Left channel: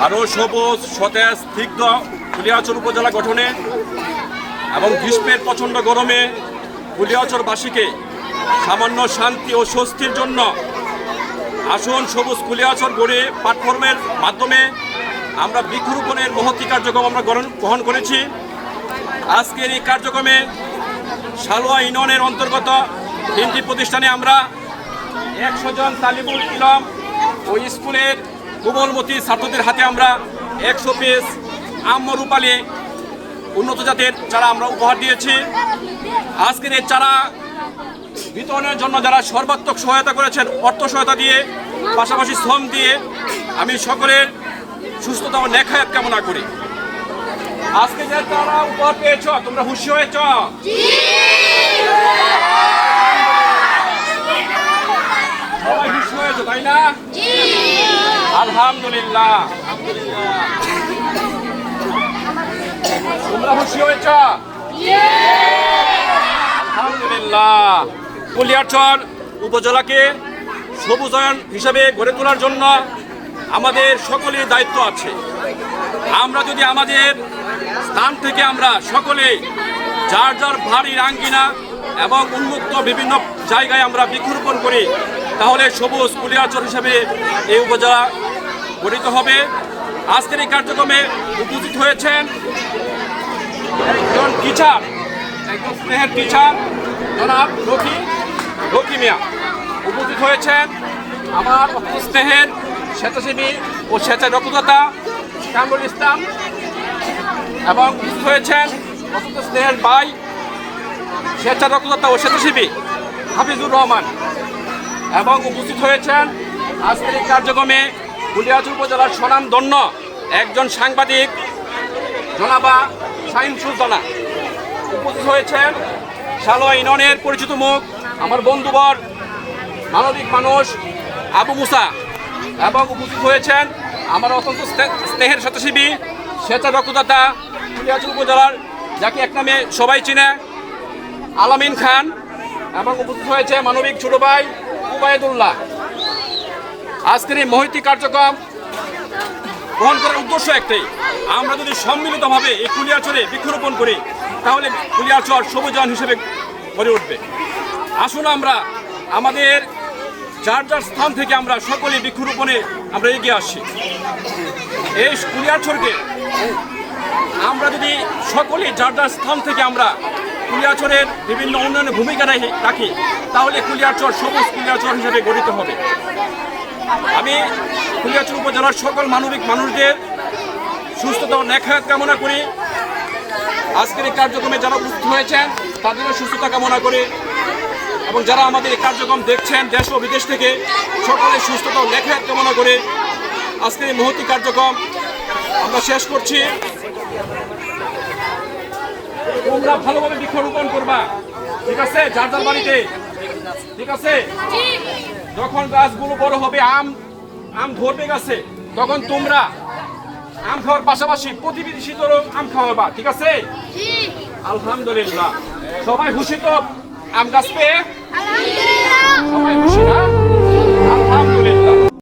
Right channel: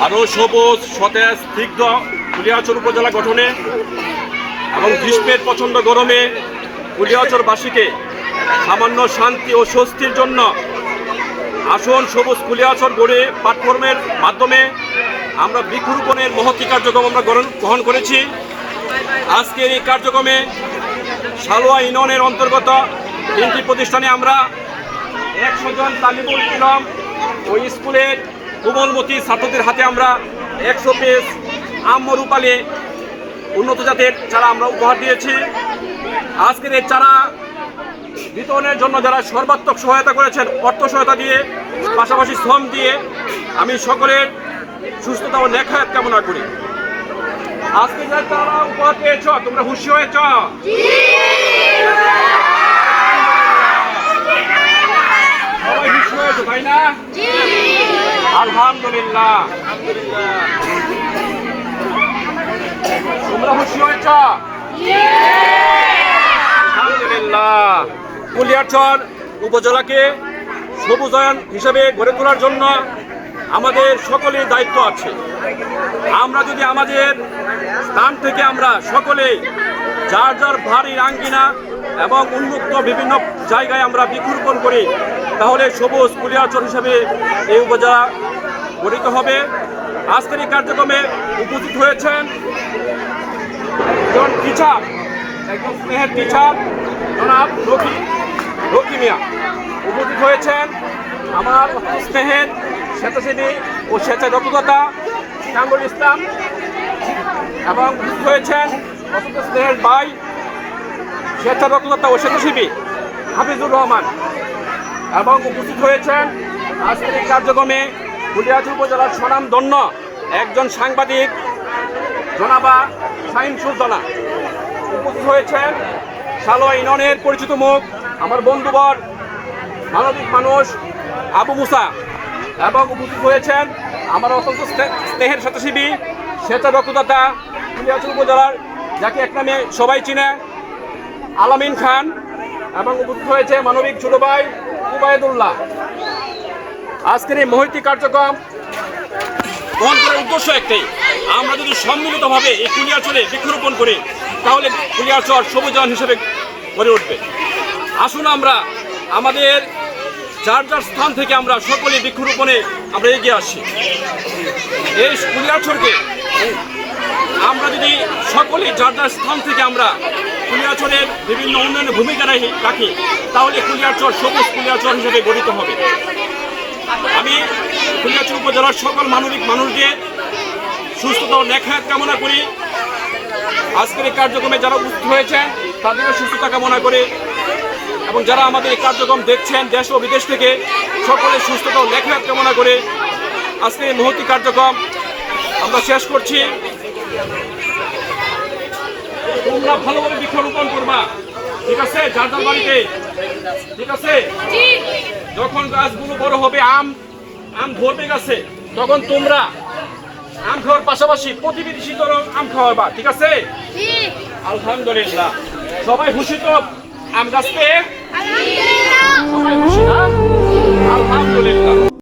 আরও সবুজ, সতেজ, স্নিগ্ধ কুলিয়াচর উপজেলা গঠনে এবং গ্রীষ্মের প্রচণ্ড গরমে কুলিয়াচরবাসীকে সামান্য শান্তি ও স্বস্তির জন্য আসন সবুজ কুলিয়াচর গড়ে প্ল্যাটফর্মের মাধ্যমে আমরা বৃক্ষরোপণের মহতি কার্যক্রম আমরা গ্রহণ- গ্রহণ করেছি। আজকের এই কার্যক্রমে সালোয়া ইউনিয়নের অন্তর্গত তিনটি প্রতিষ্ঠানে আমরা একশো জন তালিবুল ইলম ও স্কুলের কোমলমতি ছাত্রদের হাতে আমরা একশো পিস আমরূপালে উন্নত জাতের চারা আমরা উপহার দিয়েছি। আজকের এই চারা বিতরণের জন্য যারা সর্বাত্মক সহায়তা করেছেন, অর্থ সহায়তা দিয়ে, পাশাপাশি শ্রম দিয়ে, আমি সকলের সুস্থতা ও লেখায়াত কামনা করি। আজকে যে তারা উপহার পেয়েছ, তোমরা খুশি হয়েছ? সবাই খুশি হয়েছো, তাই না? আলহামদুলিল্লাহ। তোমরা খুশি হয়েছ? আলহামদুলিল্লাহ। কুলিয়ারচর উপজেলাকে সবুজায়ন হিসাবে গড়ে তোলার জন্য আমাদের সকলের দায়িত্ব আছে। আমরা যদি আমাদের স্থান থেকে আমরা সকলে যার যার ভারী আঙ্গিনা এবং উন্মুক্ত বিভিন্ন জায়গায় আমরা বৃক্ষরোপণ করি, তাহলে সবুজ কুলিয়াচর হিসাবে এই উপজেলা গঠিত হবে। আজকের এই কার্যক্রমে উপস্থিত হয়েছেন একজন টিচার একজন স্নেহের টিচার জনাব রকি রকি মিয়া। উপস্থিত হয়েছেন আমার স্নেহের স্বেচ্ছাসেবী ও স্বেচ্ছা রক্তদাতা কামরুল ইসলাম এবং উপস্থিত হয়েছেন অত্যন্ত স্নেহের ভাই স্বেচ্ছা রক্তদাতা ও স্বেচ্ছাসেবী হাফিজুর রহমান এবং উপস্থিত হয়েছেন আজকের এই কার্যক্রমে কুলিয়াচুর উপজেলার স্বনামধন্য একজন সাংবাদিক জনাবা শাহিন সুলতানা। উপস্থিত হয়েছেন সালোয়া ইউনিয়নের পরিচিত মুখ, আমার বন্ধুবর, মানবিক মানুষ আবু মুসা। এবং উপস্থিত হয়েছেন আমার অত্যন্ত স্নে- স্নেহের স্বেচ্ছাসেবী স্বেচ্ছা রক্তদাতা কুলিয়াচুর উপজেলার, যাকে এক নামে সবাই চিনে, আলামিন খান। এবং উপস্থিত হয়েছে মানবিক ছোট ভাই উবায়দুল্লাহ। আজকের এই মহৈতিক কার্যক্রম গ্রহণ করার উদ্দেশ্য একটাই। আমরা যদি সম্মিলিতভাবে এই কুলিয়াচরে বৃক্ষরোপণ করি, তাহলে কুলিয়াচর সবুজায়ন হিসেবে গড়ে উঠবে। আসুন আমরা আমাদের যার যার স্থান থেকে আমরা সকলে বৃক্ষরোপণে আমরা এগিয়ে আসি। এই কুলিয়াচরকে আমরা যদি সকলে যার যার স্থান থেকে আমরা কুলিয়াচরের বিভিন্ন উন্নয়নের ভূমিকা রাখি, তাহলে কুলিয়াচর সবুজ কুলিয়াচর হিসেবে গঠিত হবে। আমি ফুলিয়াচুর উপজেলার সকল মানবিক মানুষকে সুস্থতা ও লেখায়ত কামনা করি। আজকের এই কার্যক্রমে যারা উপস্থিত হয়েছেন, তাদেরও সুস্থতা কামনা করি এবং যারা আমাদের এই কার্যক্রম দেখছেন দেশ ও বিদেশ থেকে সকলের সুস্থতা ও লেখায়ত কামনা করে। আজকের এই মহতি কার্যক্রম আমরা শেষ করছি। তোমরা ভালোভাবে বৃক্ষরোপণ করবা। ঠিক আছে? যার যার বাড়িতে। ঠিক আছে? যখন গাছগুলো বড় হবে আম আম ধরবে গাছে তখন তোমরা আম খাওয়ার পাশাপাশি প্রতিবেশীদেরও আম খাওয়াবা ঠিক আছে? আলহামদুলিল্লাহ। সবাই খুশি তো আম গাছ পেয়ে সবাই খুশি না?